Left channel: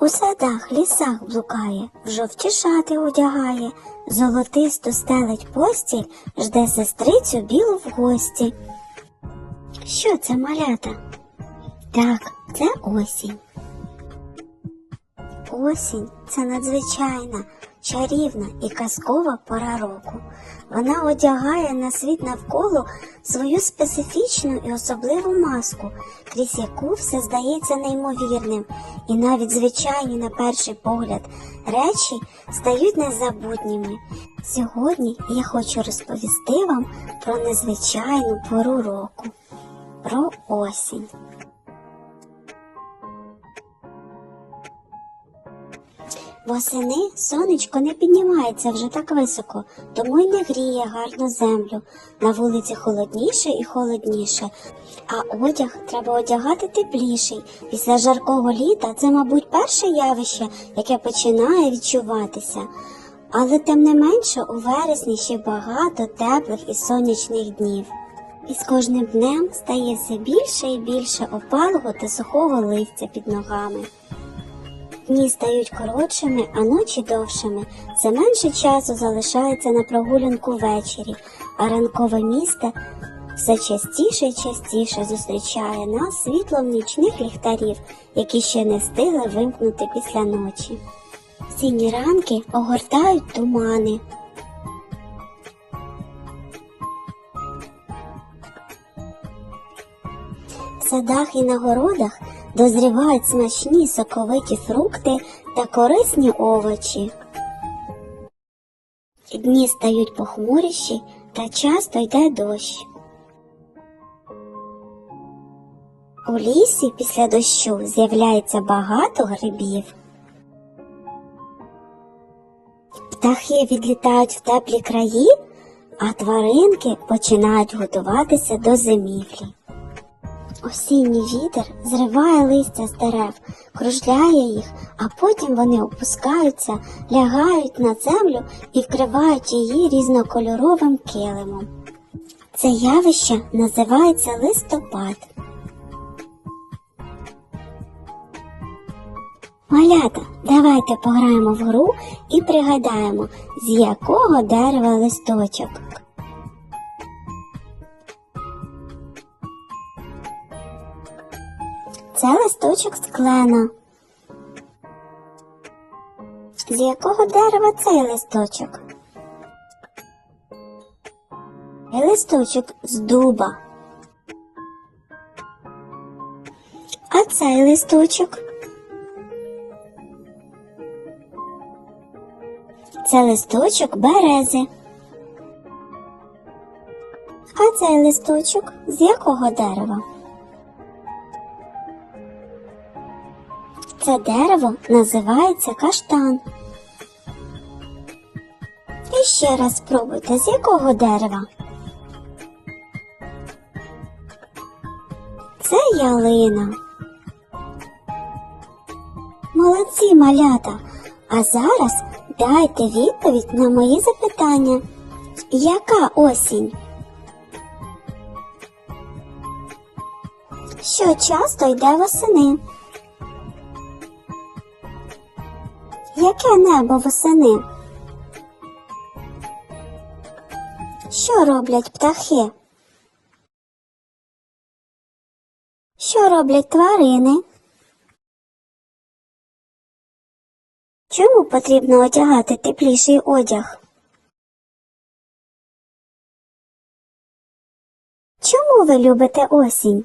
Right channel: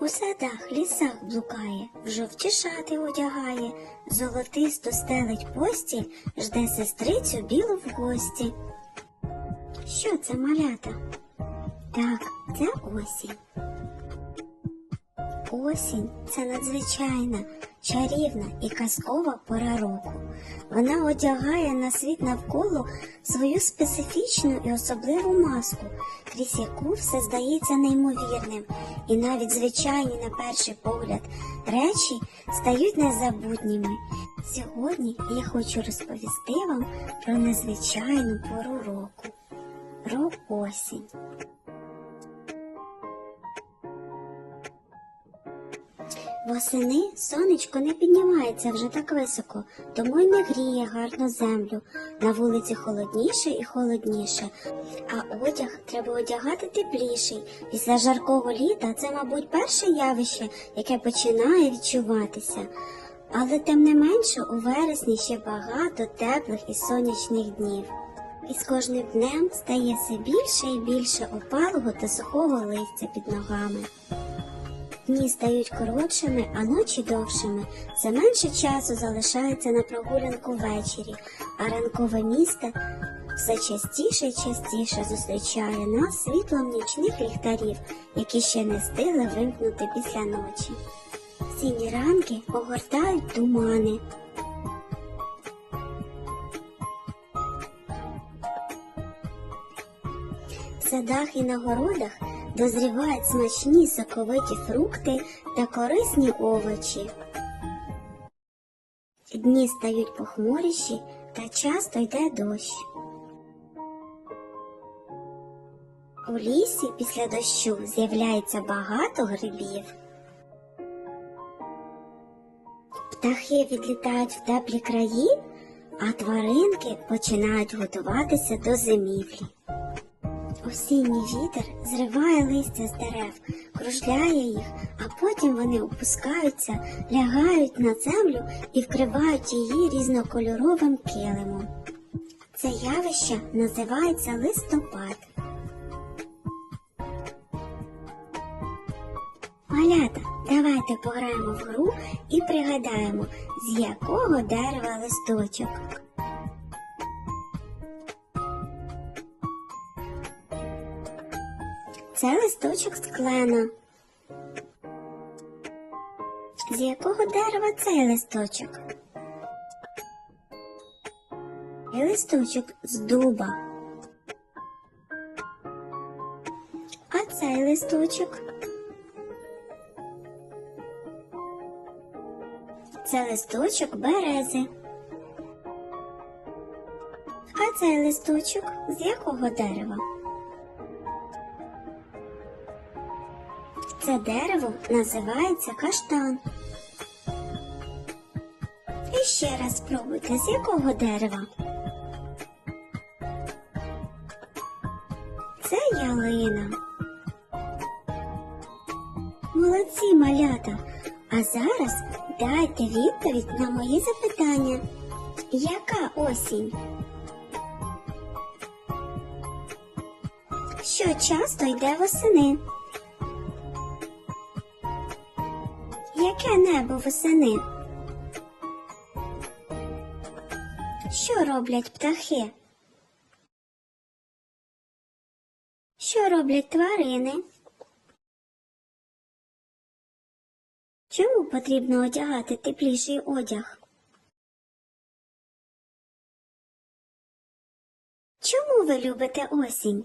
У садах, лісах блукає, в жовті шати одягає, золотисту стелить постіль, жде сестрицю білу в гості. Що це малята? Так, це осінь. Осінь це надзвичайна, чарівна і казкова пора року. Вона одягає на світ навколо свою специфічну і особливу маску, крізь яку все здається неймовірним, і навіть звичайні на перший погляд речі стають незабутніми. Сьогодні я хочу розповісти вам про незвичайну пору року, про осінь. Восени сонечко не піднімається вже так високо, тому й не гріє гарно землю. На вулиці холодніше і холодніше, а одяг треба одягати тепліший. Після жаркого літа це, мабуть, перше явище, яке починає відчуватися. Але тим не менше у вересні ще багато теплих і сонячних днів. І з кожним днем стає все більше і більше опалого та сухого листя під ногами. Дні стають коротшими, а ночі довшими. Все менше часу залишається на прогулянку ввечері, а ранкове місто все частіше і частіше зустрічає нас світлом нічних ліхтарів, які ще не встигли вимкнути після ночі. Сіні ранки огортають тумани. В садах і на городах дозрівають смачні соковиті фрукти та корисні овочі. Дні стають похмуріші та часто йде дощ. У лісі після дощу з'являється багато грибів. Птахи відлітають в теплі краї, а тваринки починають готуватися до зимівлі. Осінній вітер зриває листя з дерев, кружляє їх, а потім вони опускаються, лягають на землю і вкривають її різнокольоровим килимом. Це явище називається листопад. Малята, давайте пограємо в гру і пригадаємо, з якого дерева листочок. Це листочок з клена. З якого дерева цей листочок? І листочок з дуба. А цей листочок? Це листочок берези. А цей листочок з якого дерева? Це дерево називається каштан. І ще раз спробуйте, з якого дерева? Це ялина. Молодці малята. А зараз дайте відповідь на мої запитання. Яка осінь? Що часто йде восени? Яке небо восени? Що роблять птахи? Що роблять тварини? Чому потрібно одягати тепліший одяг? Чому ви любите осінь?